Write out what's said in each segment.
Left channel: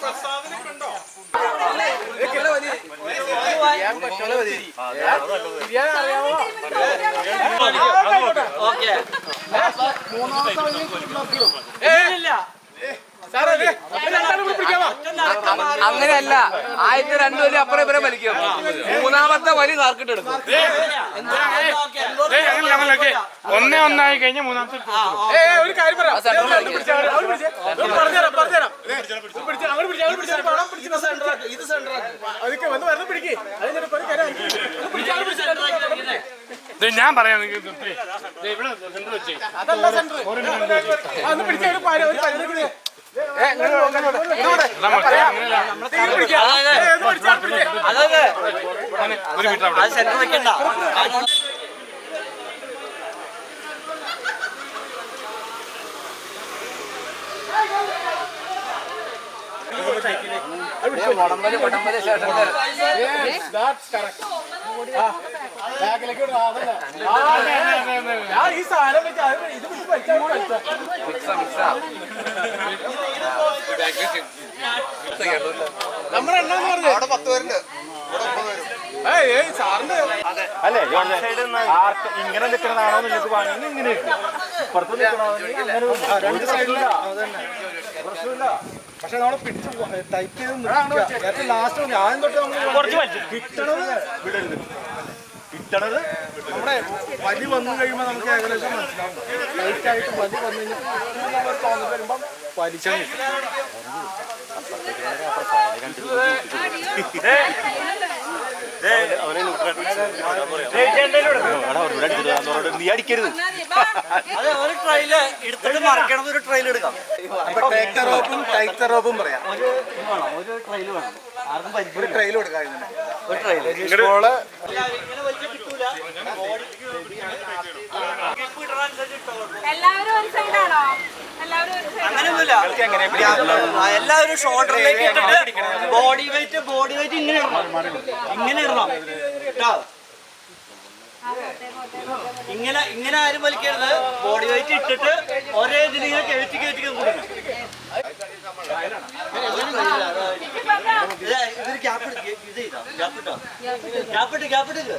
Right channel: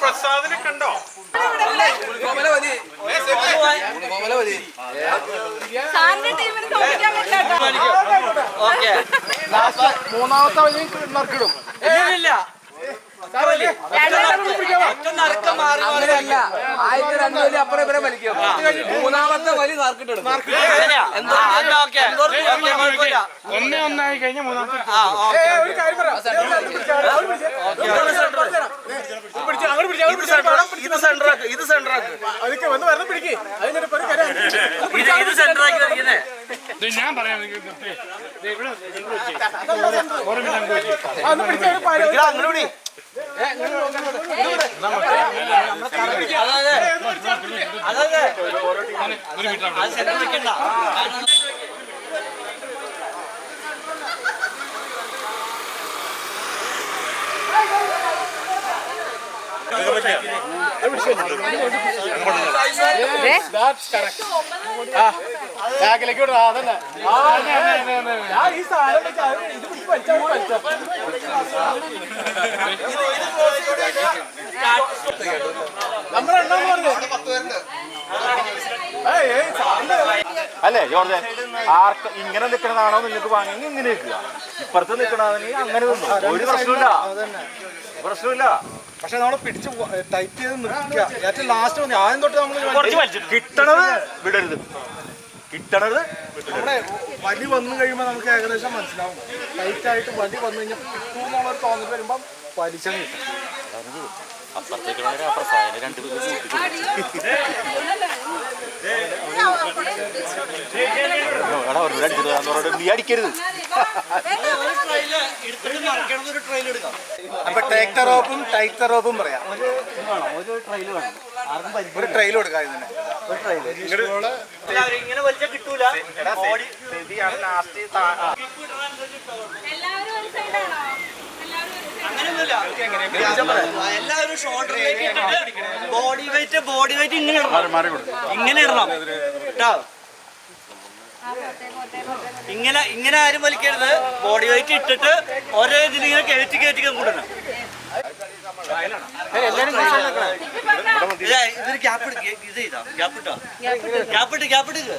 പ്രസാദിനെ കണ്ടോ ഓക്കെ മൂന്നാമത്തെ വലിയ നറുക്കിടും ഇല്ല അപ്പുറം ഇപ്പുറം വലിക്കും മൂന്നാമത്തെ വലി നാർക്കിട്ടെടുക്കും എന്താ ഒന്നേ ഒന്നായി കഴിഞ്ഞ മൂന്നാമത്തെ ഒരു കാര്യം പറയാം ഇത് ആക്ക് അതൊക്കെ വന്ന് വെറുതെ പിടിക്ക് അതിങ്ങനെ ഒരു കാര്യം ഞാൻ പറയാം നിർത്തി. ദേ ഇവിടെ സെന്റർ വെച്ചേ. ഒരു സെന്റർ വെച്ചേ. ഒന്ന് പിടിച്ച് ഒരു പാര ഒരു കാര്യം പിടി. ഇതാ മക്കളെ. അതായത് അതായത് ഒരു മീറ്റർ അവിടെ അത് സെന്റർ വെക്കണ്ട That's correct. ആ, നമ്മുടെ അല്ലേ ജോർജ്? ആർക്ക് ഇങ്ങനെ നിൽക്കണതാണോ നിങ്ങൾക്ക് വാങ്ങി ഇങ്ങനെ നിൽക്കുക ഇപ്പുറത്ത് നിൽക്കണവന് അങ്ങനെ ഒരു പ്രശ്നമില്ല പ്രശ്നമില്ല. പക്ഷെ നമ്മളെ പിടിച്ച് ടൈറ്റ് ചെയ്ത് നിൽക്കുക ഏറ്റവും ലാസ്റ്റ് വന്ന് ആദ്യം തൊട്ട് നമ്മൾ കിട്ടണത് വിടരുത്. കിട്ടണത് നമ്മുടെ വലി വന്നു കഴിയുമ്പോൾ നമുക്ക് ഏകദേശം മനസ്സിലാവും. ടൈറ്റായിട്ട് വലി വന്നു കഴിഞ്ഞാൽ കിട്ടും എന്നുള്ളൊരു തോന്നൽ വരുമ്പം വലിച്ചാൽ നീ അടിക്കരുത്. അപ്പൊ ടേക്ക് റോപ്പും ടൈറ്റ് റോപ്പും പറയാം. ഒരു ട്രെയിൽ വേണം ഒരു ട്രെയിൽ കൊടുക്കാം ഇതിന്. ഒരു ട്രെയിൽ ഇങ്ങനെ വലിച്ചാൽ കിട്ടൂല. ബോഡി എല്ലാവരും ഒരു സൈഡാണോ എല്ലാവരും ഒരു അങ്ങനെയൊന്നുമില്ല എല്ലാവരും ഷോൾഡറിലേക്ക് ഇട്ടിട്ട് ബോഡി വെയിറ്റ് ബോഡി വെയിറ്റ് ഇങ്ങനെ ഇടണം. ഇങ്ങനെ ഇടണം. കേട്ടോ. ഇങ്ങനെ ഇങ്ങനെ ആരും വലിക്കരുത്. ബോഡി വെയിറ്റ് ഇട്ടിട്ട് ഒരേ ഇതിൽ ഇങ്ങനെ കയറ്റി കയറ്റി കൊടുക്കണം ഇതിന് ഇതൊരു ഗ്യാപ്പ് ഇത് ചെയ്താ ഗ്യാപ്പ് ഇട്ടോ? ഗ്യാപ്പ് ഇട്ട് ഗ്യാപ്പ് ഇട്ട്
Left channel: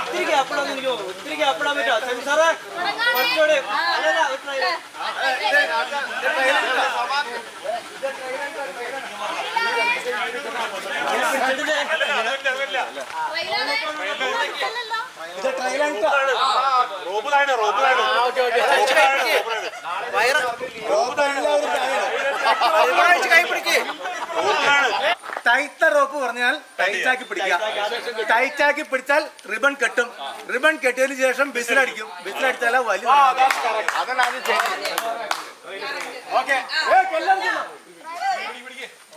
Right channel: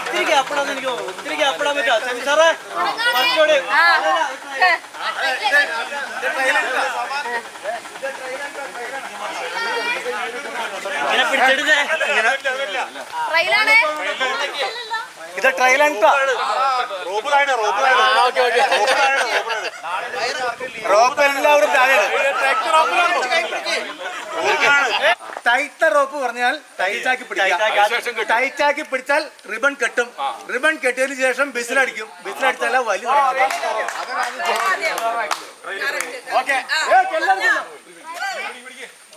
ഒത്തിരി ഗ്യാപ്പ് ഇടാന്ന് എനിക്ക് ഒത്തിരി ഗ്യാപ്പ് ഇടാൻ പറ്റുമോ ചെവി സാറേ കുറച്ചുകൂടി അല്ലല്ല, ഒരു റോബ് താഴെ റോബ് താഴെ ഇത് ട്രെയിൽ റോപ്പ് താഴെ റോപ്പ് താഴെ റോപ്പ് എല്ലാവരും ടൈറ്റ് റോപ്പ് പറഞ്ഞാൽ ടൈറ്റാക്കി പിടിക്കാം. പിടിക്കുക ടൈറ്റാക്കി പിടിച്ചാൽ റിബൺ കെട്ടും. റിബൺ കെട്ടിയതിനു ശേഷം ബിസിലടിക്കും ബിസിലടിച്ചാൽ വലിയ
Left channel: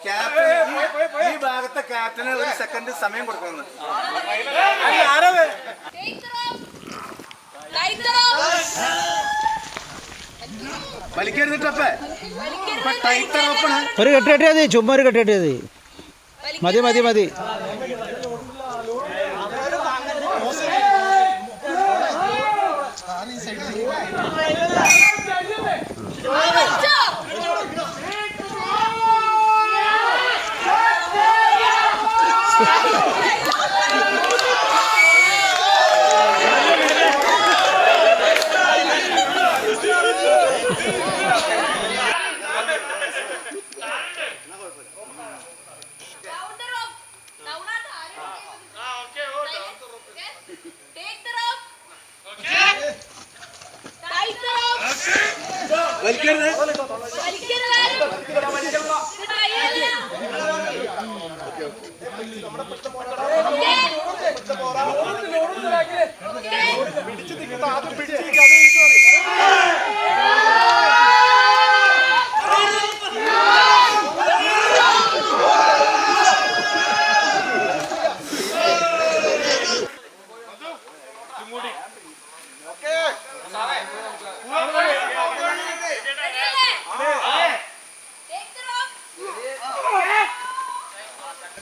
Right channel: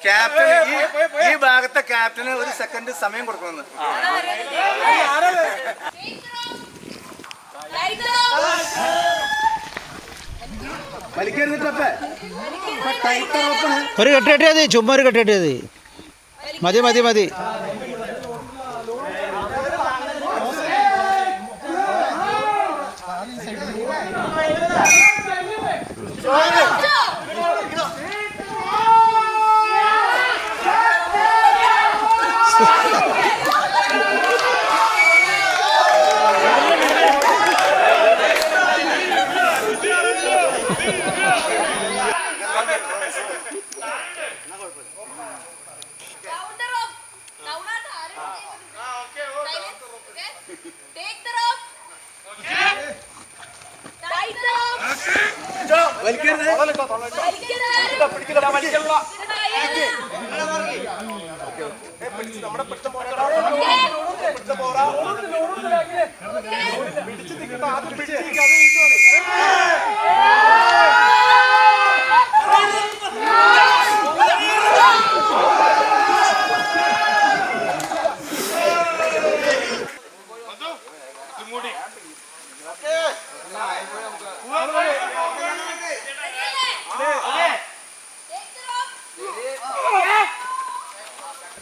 ക്യാപ്റ്റൻ ഈ- ഈ ഭാഗത്തെ ക്യാപ്റ്റന് ഒരു സെക്കൻഡ് സമയം കൊടുക്കണമെന്ന്. വലിക്കരുതിട്ടപ്പേ ഒരു കെട്ടിട്ടേ കെട്ടിയാൽ മതി ചുമ്മാ ഒരു കെട്ടിട്ടേ കെട്ടിയാൽ മതി മതി മതി മതി Okay. Take the rope.